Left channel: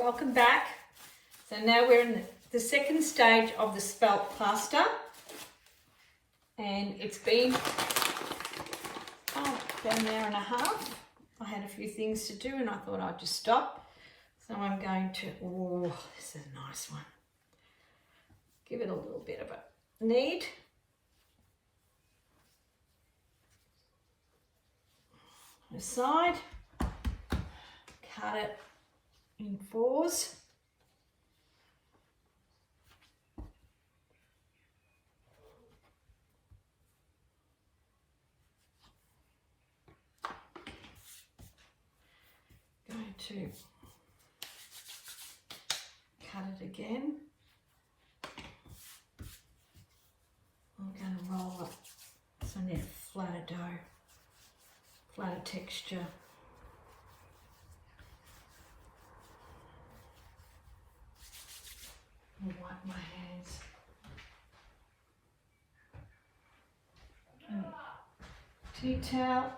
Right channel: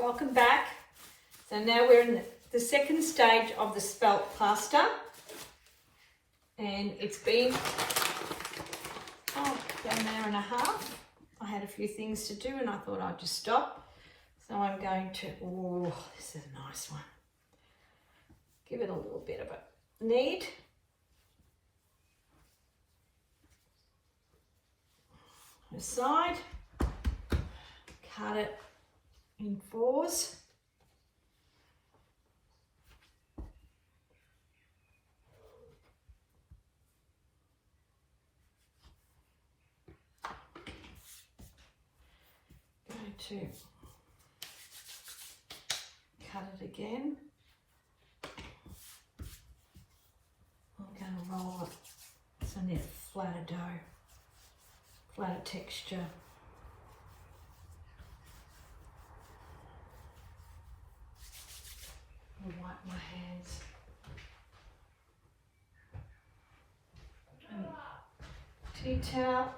welcome back. So now we're in the second stage of the spelt pasta, and it's been about an hour and a half. I had a few things to do and I thought I'd just stop. So I'm going to, oh, this is a nice one. Give it a little bit of a knead. Aside, cut it in fours. Going to cut it again. I'm going to roll it so I need a flatter dough, flatter texture. I'll wipe my hands. And tea towel.